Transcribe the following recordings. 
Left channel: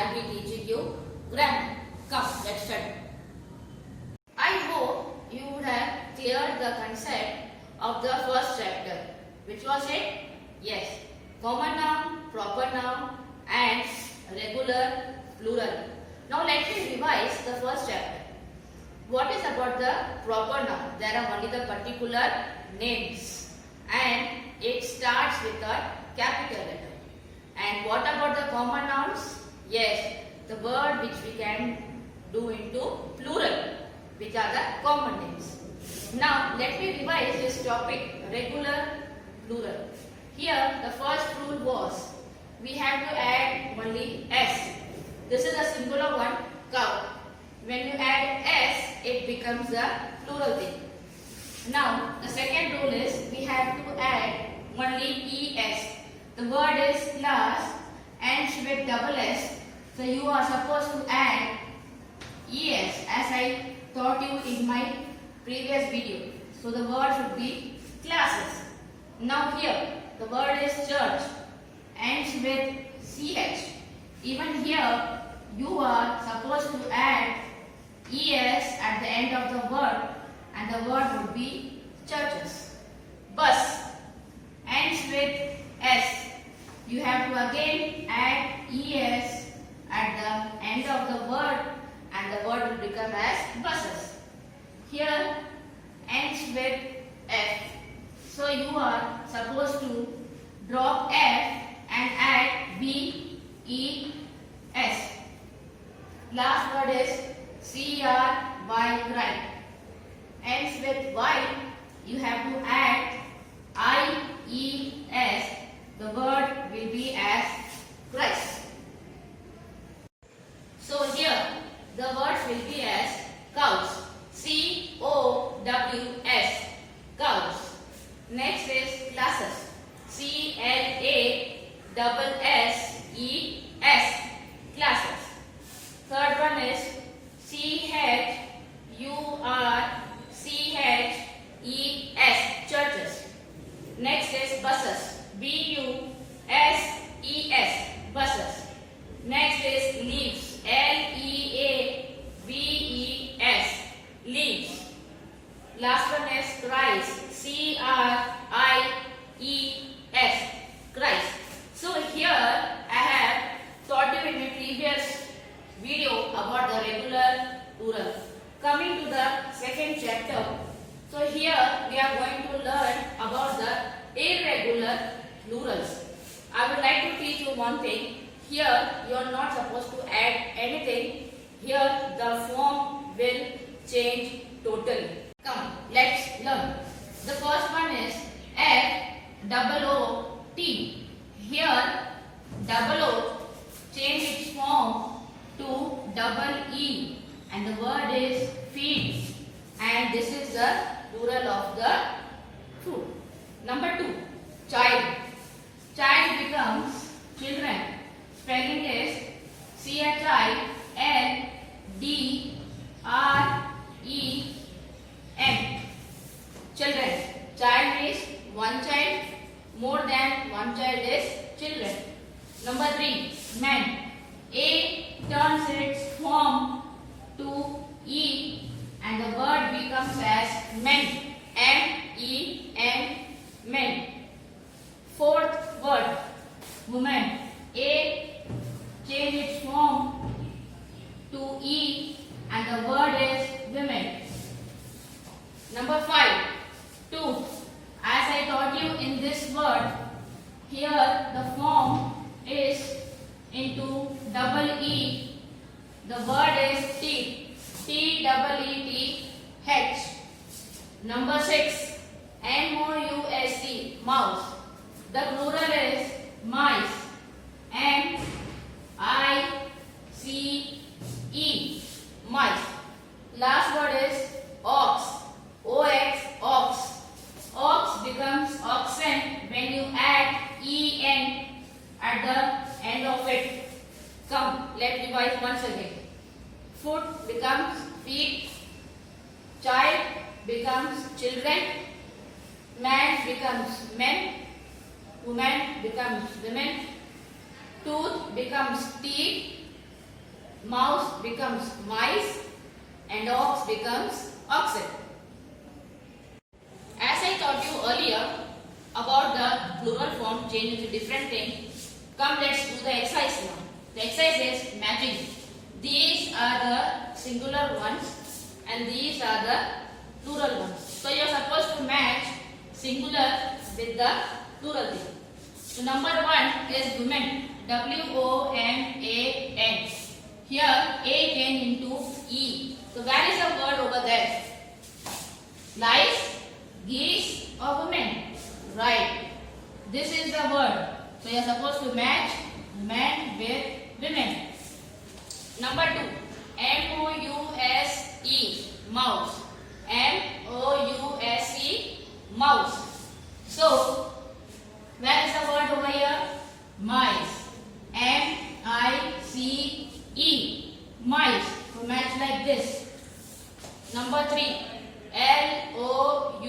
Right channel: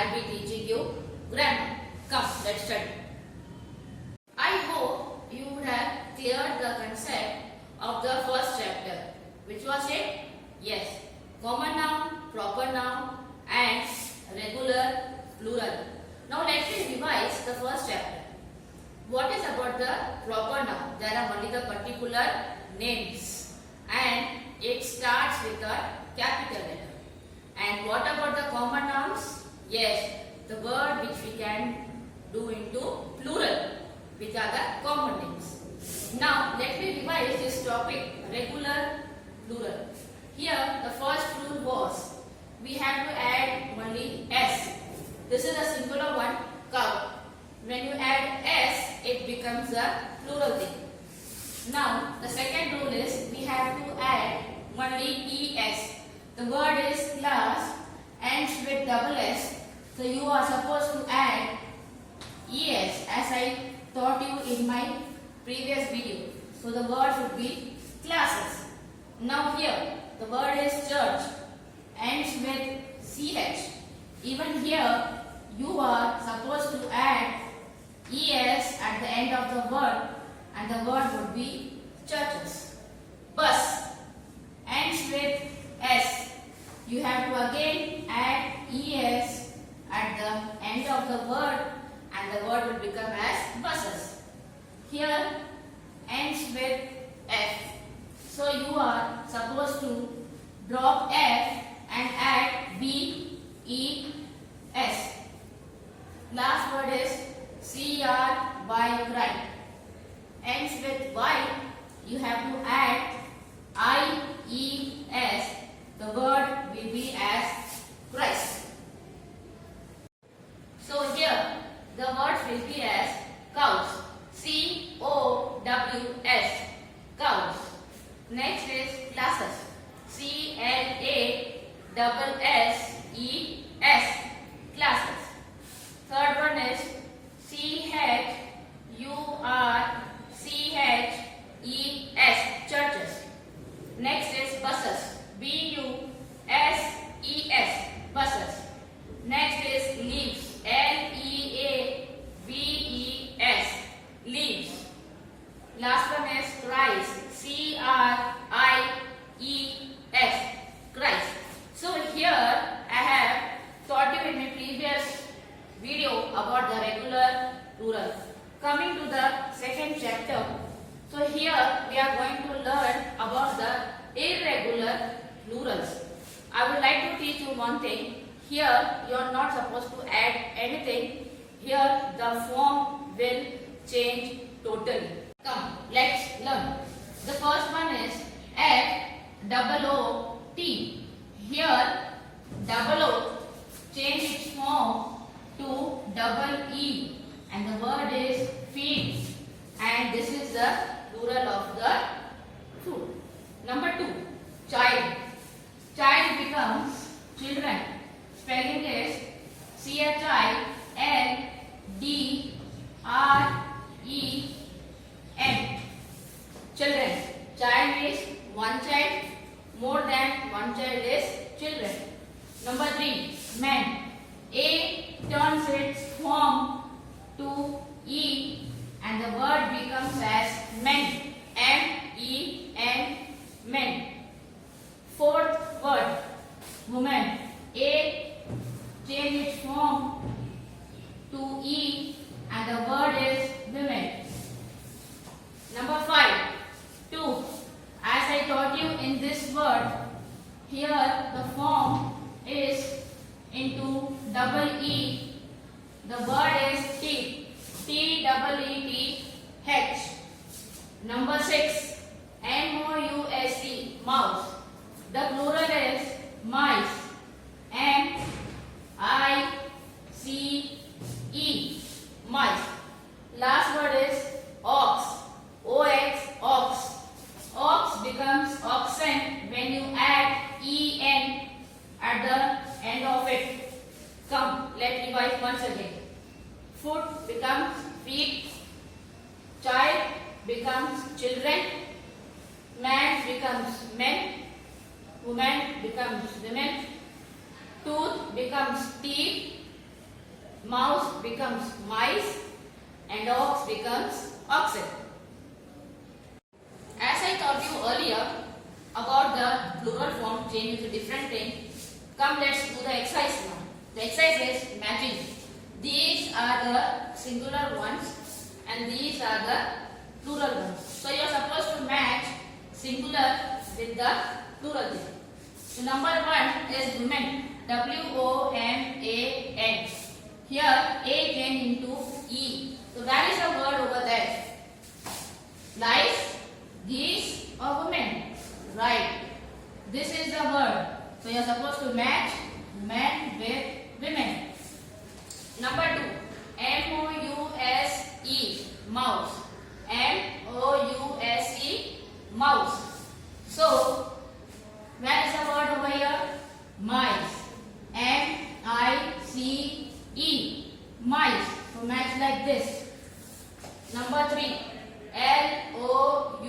I'll be teaching you grammar. Come, let's study. I hope you would have cleared the concept of the first chapter. Which was it? Yes. Common noun, proper noun and regular, plural. Now let me revise the first chapter. What is about the proper noun? There are only the particular names and it starts with a capital letter. And what about the common nouns? Yes, the word which we can do into plural, which are the common names. Now let me revise this topic, regular, plural. Here the first rule was we have to add only s. This is a singular one, cow. When you add s, it becomes a plural thing. Now the second rule is we have to add only es. The word is class, ends with double s. So you are supposed to add es as I taught you in my previous video. So the word should be classes. Now here the word is church, ends with ch. Even here you are supposed to add es at the end of the word and the word would be churches. Bus ends with s. You have to again add es at the end of the word and the word will become as buses. Here ends with f. So you are supposed to drop f and add b, e, s. Last word is cry, cry. Ends with y. You have to add i, e, s. The word will be as Christ. So here the word will be as cows. C-O-W-S. Cows. Next is classes. C-L-A-S-S-E-S. Classes. Third one is C-H-U-R-C-H-E-S. Churches. Next is buses. B-U-S-E-S. Buses. Next is leaves. L-E-A-V-E-S. Leaves. Last one is Christ. C-R-I-E-S. Christ. So here I have taught you in my previous video about the regular, plural. Coming to the second chapter. So here we are going to learn about the irregular plurals. I would like to teach you one thing. Here you are not supposed to add anything. Here the form will change totally. Come, let's learn. The first one is F-O-O-T. Here double O change its form to double E and the word is feed and this is the plural of the fruit. Number 2, child. Child becomes children. Spelling is C-H-I-L-D-R-E-N. Children. Child is one child. More than one child is children. Number 3, man. A turns its form to E and the word becomes as men. M-E-N. Men. Fourth word, woman. A change its form to E and the word is women. Number 5, 2. As I taught you in this word, here the form is into double E. The word is T. T-double-E-T-H. Number 6, M-O-U-S-E. Mouse. The plural is mice. M-I-C-E. Mice. Last word is ox. O-X. Ox. Ox becomes oxen when you add E-N at the end of it. Come, let's revise once again. Foot becomes feet. Child becomes children. Man becomes men. Woman becomes women. Tooth becomes teeth. mouse becomes mice, and ox becomes oxen. As I taught you earlier about the plural form changing to different things, come let's do the exercise now. The exercise is matching. These are the singular ones and these are the plural ones. So you are supposed to match singular with the plural thing. So number 1 is women. W-O-M-A-N. Here A came into E. So where is the word over there? Lice, geese or women? Right. This is the word. So you are supposed to match men with women. Number 2. M-O-U-S-E. Mouse. M-O-U-S-E. Mouse. So where is the word over here? Mice. M-I-C-E. Mice. So match like this. Number 3. L-O-U-S-E.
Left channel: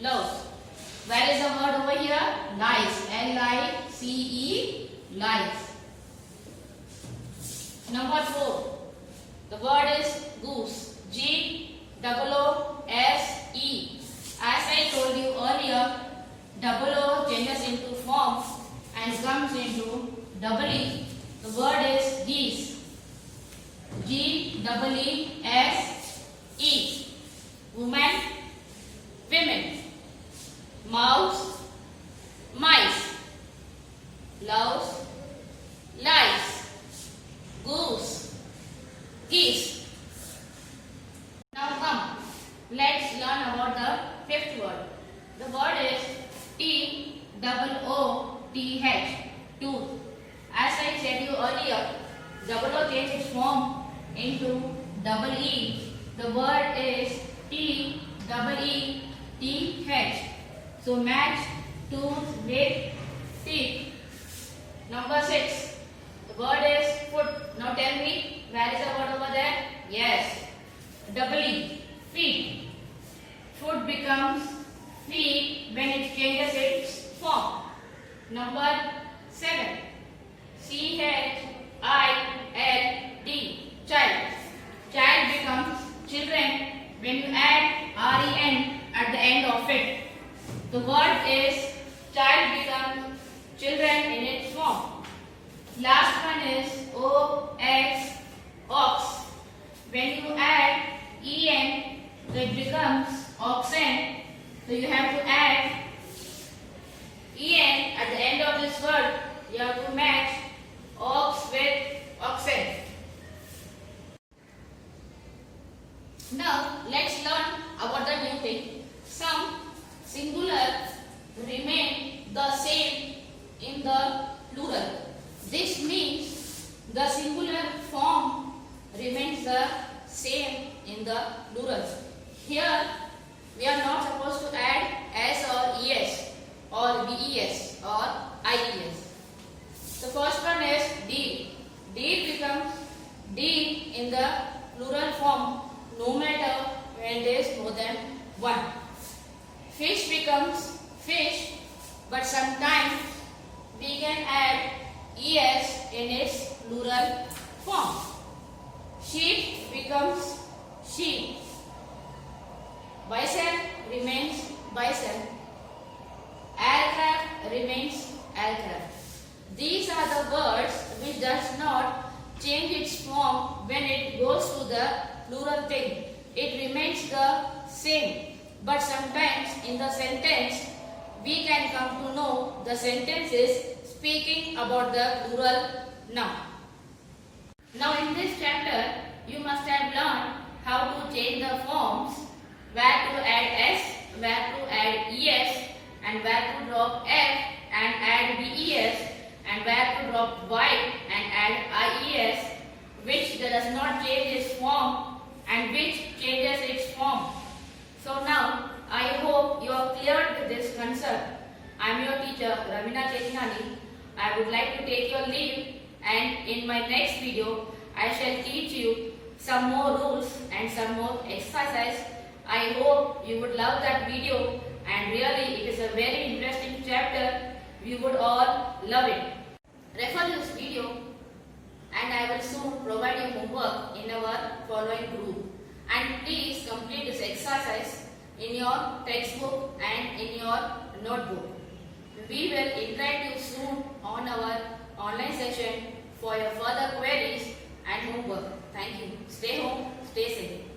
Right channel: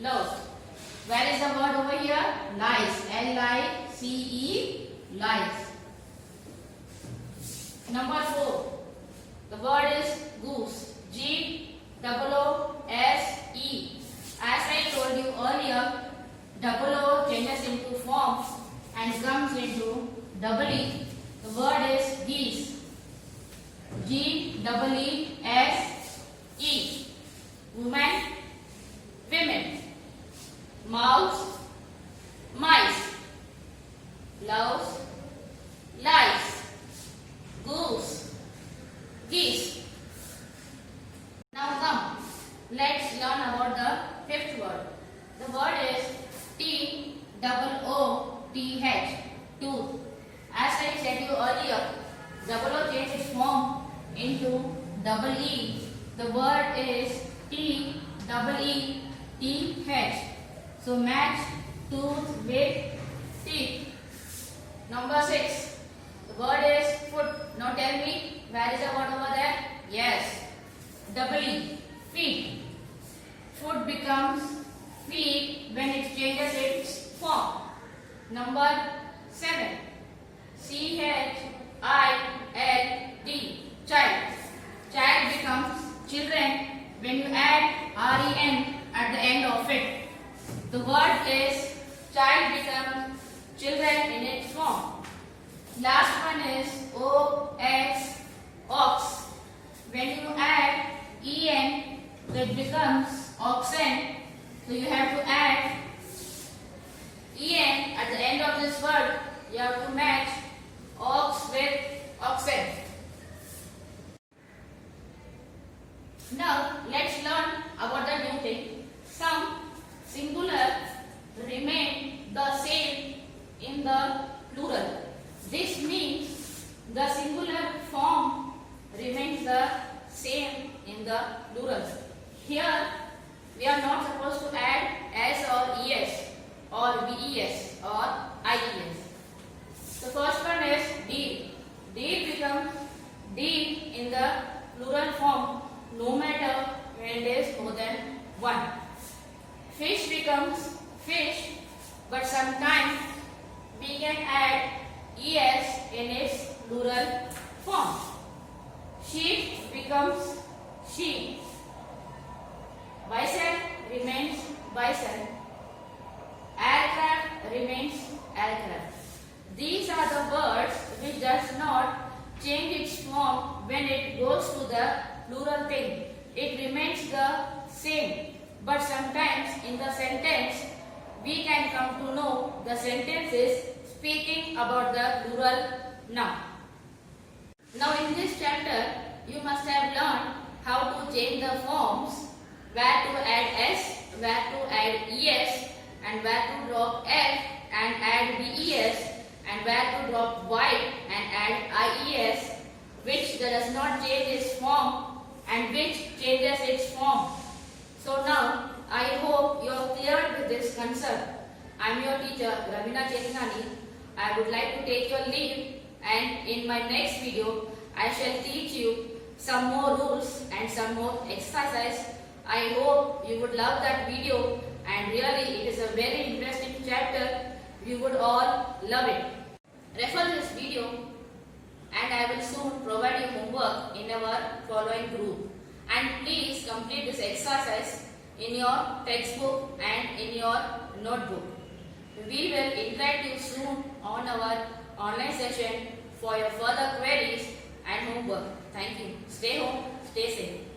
Louse. Where is the word over here? Lice. L-I-C-E. Lice. Number 4. The word is goose. G-O-O-S-E. As I told you earlier, double O changes into form and comes into double E. The word is geese. G-E-E-S-E. Woman, women. Mouse, mice. Louse, lice. Goose, geese. Now come, let's learn about the fifth word. The word is T-O-O-T-H. Tooth. As I said you earlier, double O changes its form into double E. The word is T-E-E-T-H. So match tooth with teeth. Number 6. The word is foot. Now tell me, where is the word over there? Yes. Double E. Feet. Foot becomes feet when it changes its form. Number 7. C-H-I-L-D. Child. Child becomes children when you add R-E-N at the end of it. The word is child becomes children in its form. Last one is O-X. Ox. When you add E-N, it becomes oxen. So you have to add En at the end of this word. You have to match ox with oxen. Now let's learn about the new thing. Some singular remain the same in the plural. This means the singular form remains the same in the plural. Here we are not supposed to add s or es or ves or ies. The first one is deed. Deed becomes deed in the plural form no matter when there is more than one. Fish becomes fish, but sometimes we can add es in its plural form. Sheep becomes sheep. Bison remains bison. Aircraft remains aircraft. These are the words which does not change its form when it goes to the plural thing. It remains the same. But sometimes in the sentence we can come to know the sentence is speaking about the plural noun. Now in this chapter you must have learned how to change the forms, where to add s, where to add es, and where to drop f and add ves, and where to drop y and add ies, which does not change its form and which changes its form. So now I hope you are cleared with this concept. I am your teacher Ravina Chetnani. I would like to take your leave, and in my next video I shall teach you some more rules and some more exercises. I hope you would love that video, and really it is a very interesting chapter. You would all love it. Refer this video and and I will soon provide you homework in our following group. And please complete this exercise in your textbook and in your notebook. We will interact you soon on our online session for your further queries and homework. Thank you. Stay home, stay safe.